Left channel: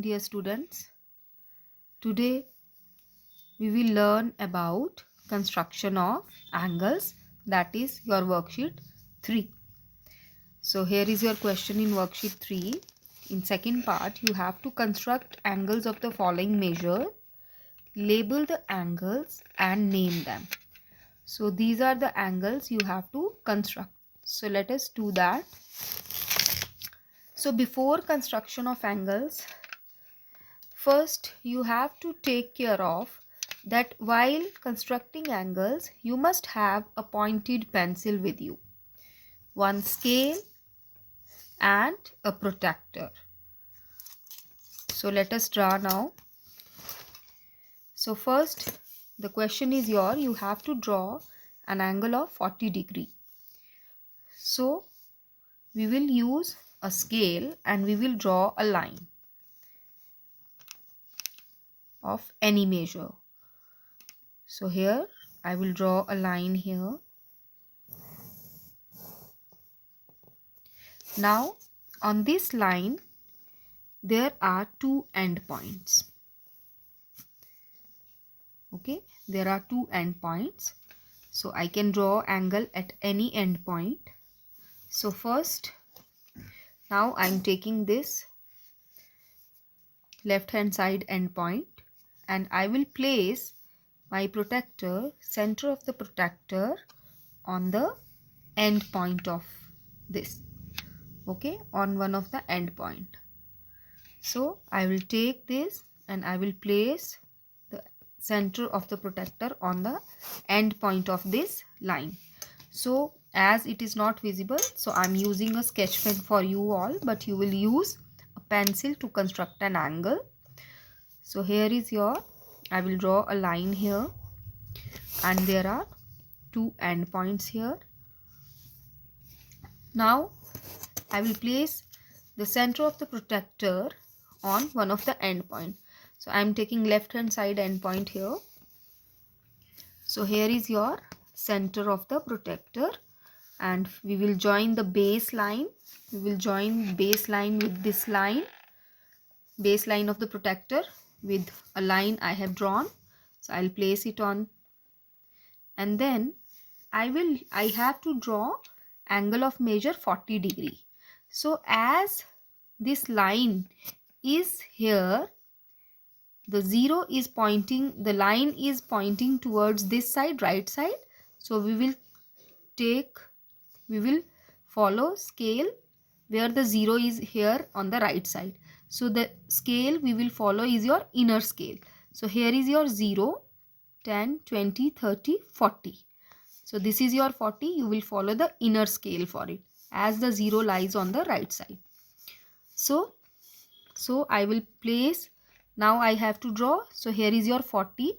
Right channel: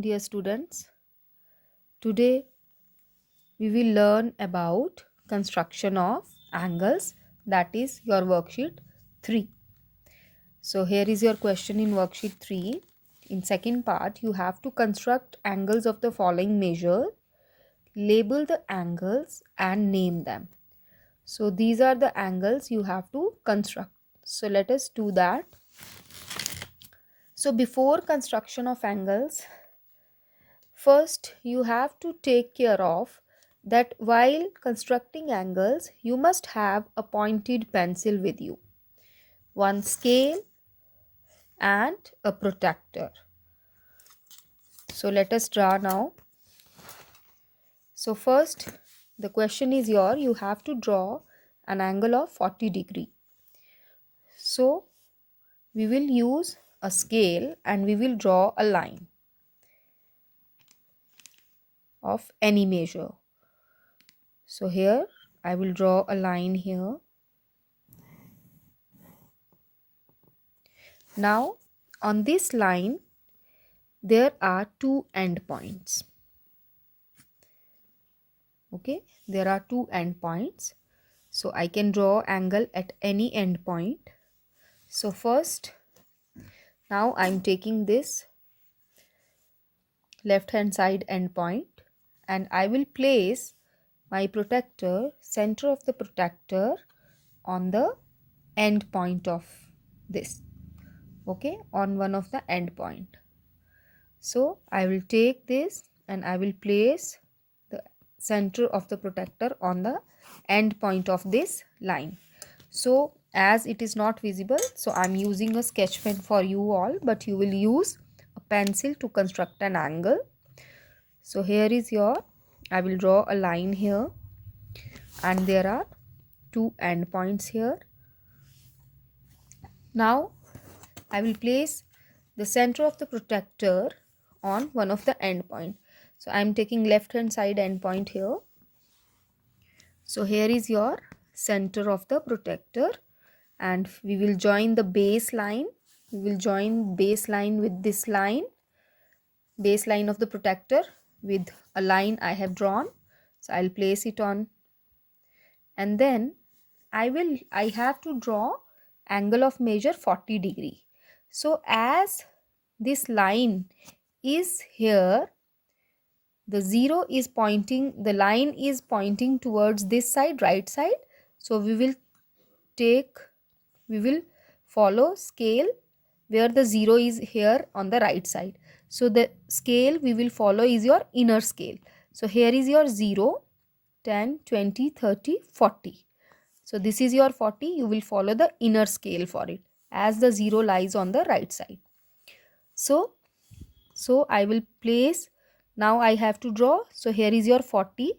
Dear students, today we will learn about construction of angles, that is your worksheet 3. So here is your question in worksheet 3. In second part, you have to construct angles of the following measure, label the angles and name them. So these are the angles you have to construct. So let us do that. So before construction of angles, first, you have to take care of that while constructing angles, you must have a pointed pencil with you, one scale and a protractor. So let us draw now. So first, the question is you have to draw an angle of 40 degree. So we will use a scale and we will draw a line of any measure. So here I will draw a line here. Now on this line there are two endpoints. Okay, there are two endpoints. So I can draw angle at any endpoint. So first, now I'm taking this left hand side endpoint and I will place my protractor, center of the protractor, on the end point of this. Okay, on one of the end point. So I will take this and I will place the center of the protractor on the end point of this line. So as it is not visible, so I'm using a sketch pen for you all, but you will use a pencil to construct an angle. So here is I will draw a line here and there are two end points here. Now I will place the center of the protractor on one of the end point. So I am taking left hand side end point here. So here is your center of the protractor and we will join the base line. We will join base line with this line, base line of the protractor with a line I have drawn. So I'll place it on and then I have to draw angle of measure 40 degree. So as this line is here, the line is pointing towards this side, right side. So we will follow scale where the 0 is here on the right side. So the scale we will follow is your inner scale. So here is your 0, 10, 20, 30, 40. So this is your 40. You will follow the inner scale for it as the 0 lies on the right side. So I will place, now I have to draw. So here is your 40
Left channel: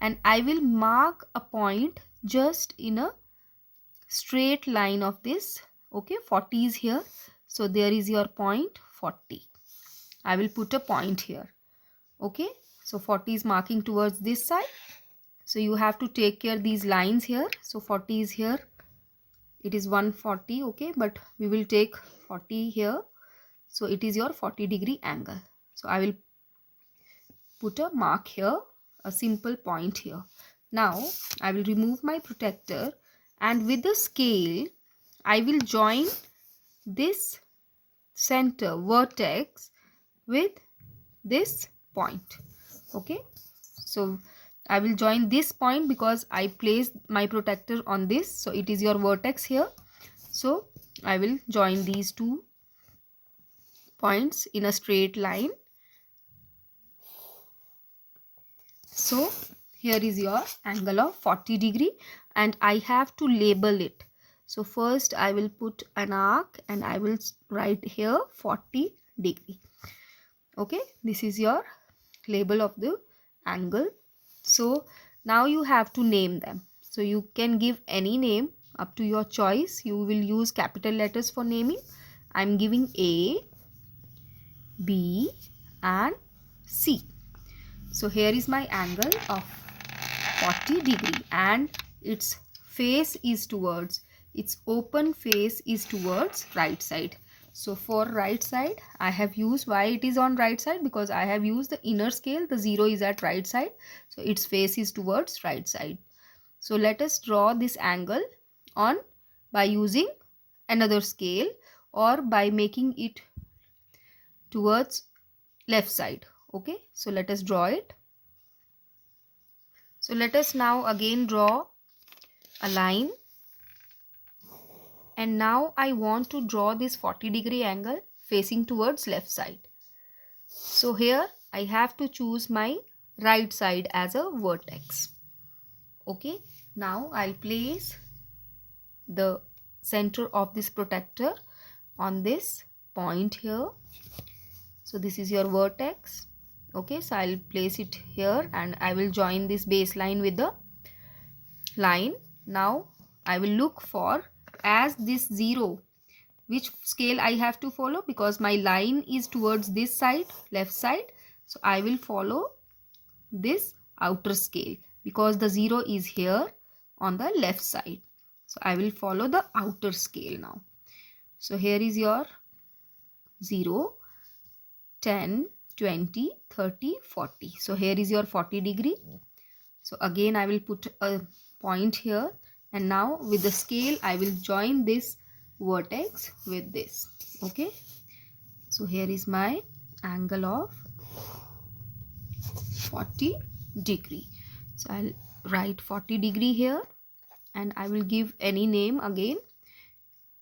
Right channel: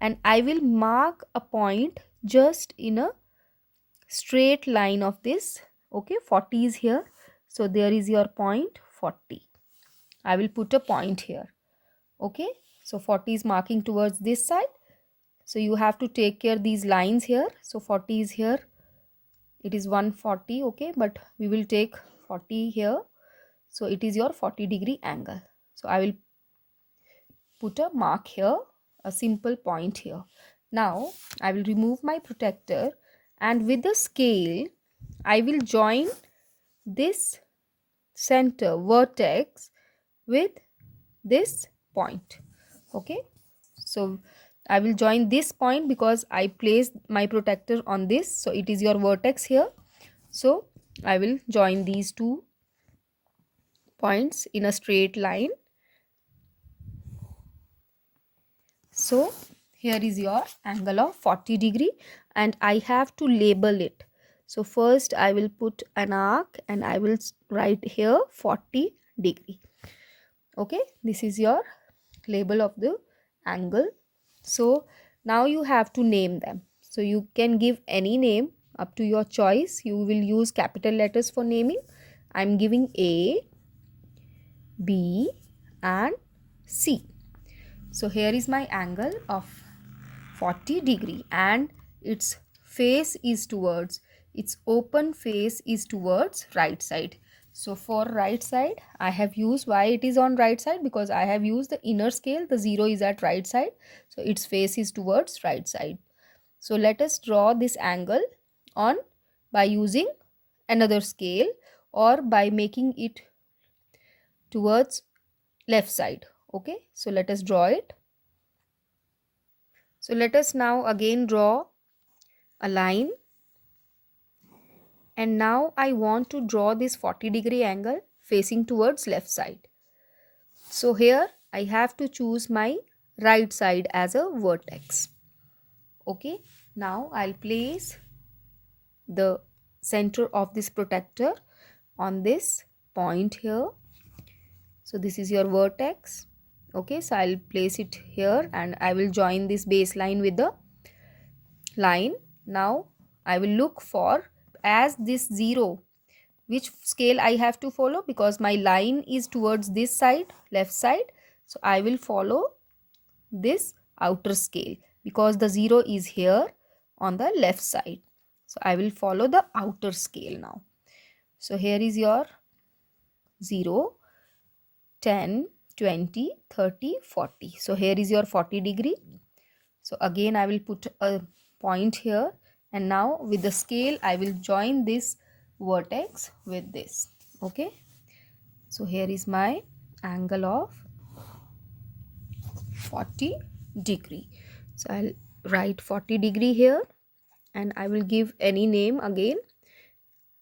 and I will mark a point just in a straight line of this. Okay, 40 is here. So there is your point 40. I will put a point here. Okay, so 40 is marking towards this side. So you have to take care these lines here. So 40 is here. It is 140. Okay, but we will take 40 here. So it is your 40 degree angle. So I will put a mark here, a simple point here. Now I will remove my protractor and with the scale I will join this center vertex with this point. Okay, so I will join this point because I placed my protractor on this. So it is your vertex here. So I will join these two points in a straight line. So here is your angle of 40 degree and I have to label it. So first I will put an arc and I will write here 40 degree. Okay, this is your label of the angle. So now you have to name them. So you can give any name up to your choice. You will use capital letters for naming. I am giving A, B and C. So here is my angle of 40 degree and its open face is towards right side. So for right side, I have used, why it is on right side, because I have used the inner scale. The 0 is at right side, so its face is towards right side. So let us draw this angle on by using another scale or by making it towards left side. Okay, so let us draw it. So let us now again draw a line, and now I want to draw this 40-degree angle facing towards left side. So here I have to choose my right side as a vertex. Okay, now I'll place the center of this protector on this point here. So this is your vertex. Okay, so I'll place it here and I will join this baseline with the line. Now I will look for, as this 0, which scale I have to follow, because my line is towards this side, left side. So I will follow this outer scale because the 0 is here on the left side. So I will follow the outer scale now. So here is your 0, 10, 20, 30, 40. So here is your 40-degree. So again I will put a point here, and now with the scale I will join this vertex with this. Okay, so here is my angle of 40-degree. So I'll write 40-degree here and I will give any name again.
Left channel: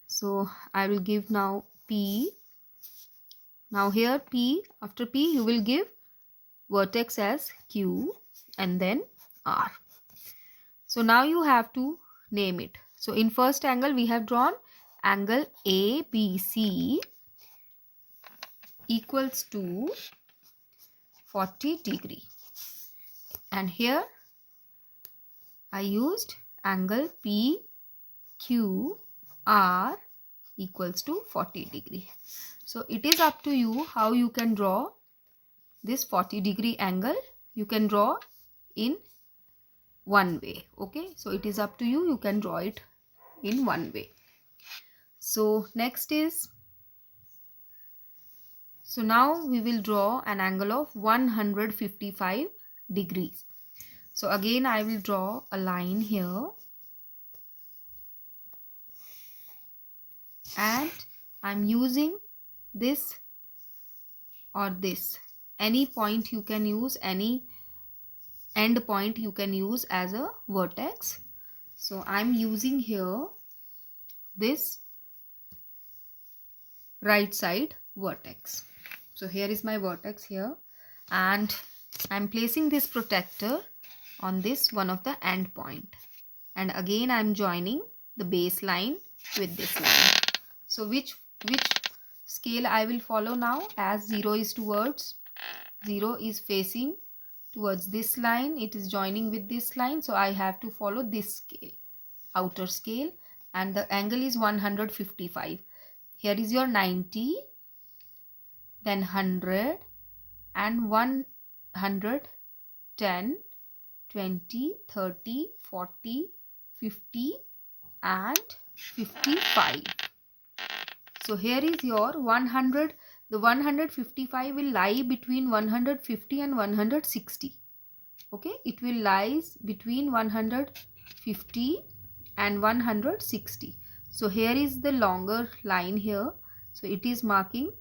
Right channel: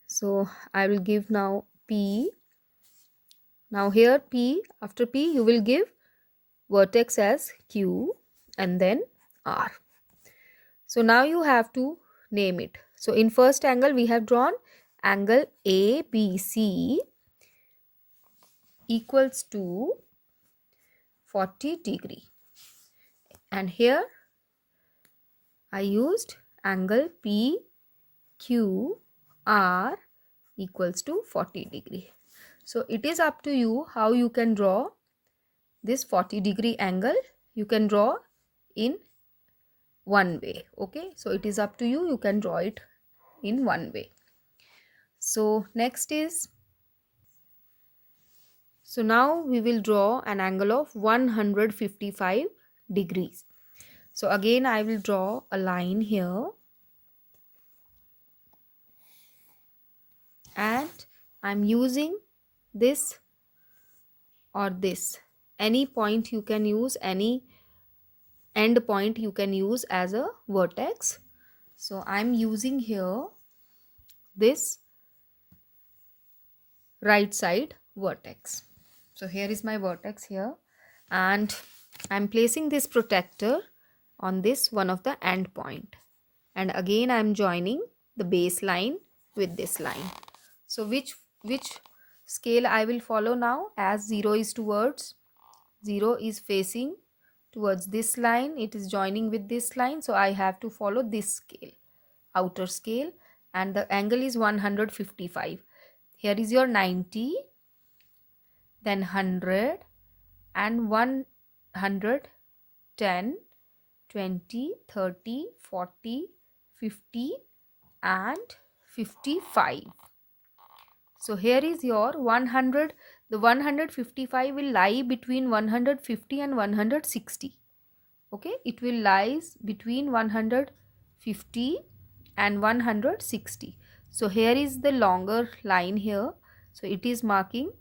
So I will give now P. Now here P, after P you will give vertex as Q and then R. So now you have to name it. So in first angle we have drawn angle ABC equals to 40-degree. And here I used angle PQR equals to 40-degree. So it is up to you how you can draw this 40-degree angle. You can draw in one way. Okay, so it is up to you. You can draw it in one way. So next is, so now we will draw an angle of 155 degrees. So again I will draw a line here and I'm using this or this. Any point you can use, any end point you can use as a vertex. So I'm using here this right side vertex. So here is my vertex here, and I'm placing this protector on this one of the end point, and again I'm joining the baseline with this line. So which scale I will follow now, as 0 is towards, 0 is facing towards this line, it is joining with this line, so I have to follow this scale, outer scale, and the angle is 155. Here is your 90, then 100 and 110, 20, 30, 40, 50 and 55. So here is your 100. The 155 will lie between 150 and 160. Okay, it will lies between 150 and 160. So here is the longer line here. So it is marking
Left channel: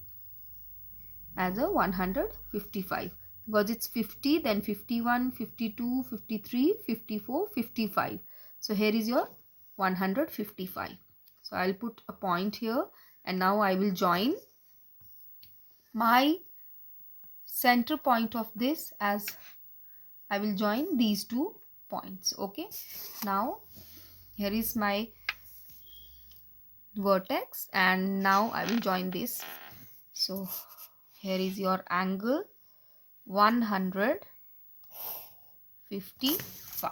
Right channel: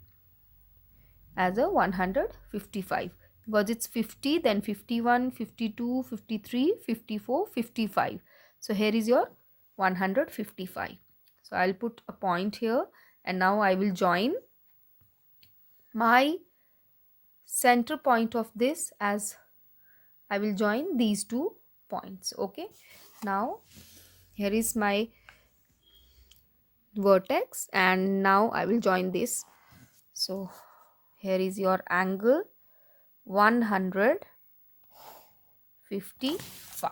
as a 155 because it's 50, then 51, 52, 53, 54, 55. So here is your 155. So I'll put a point here, and now I will join my center point of this, as I will join these two points. Okay, now here is my vertex and now I will join this. So here is your angle 155.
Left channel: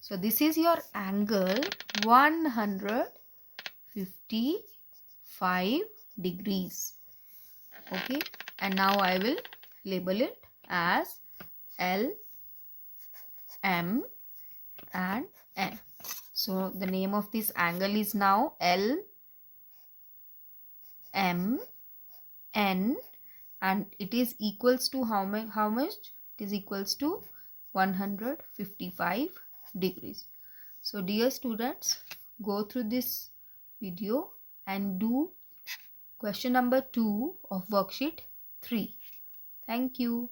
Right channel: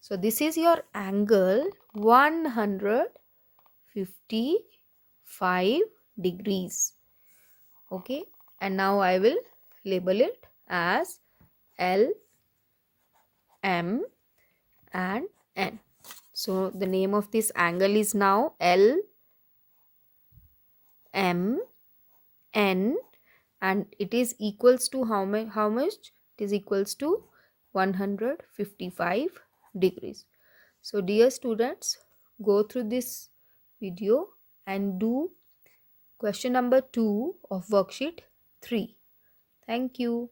So this is your angle 155 degrees. Okay, and now I will label it as L, M and N. So the name of this angle is now L, m n, and it is equals to how much? It is equals to 155 degrees. So dear students, go through this video and do question number 2 of worksheet 3. Thank you.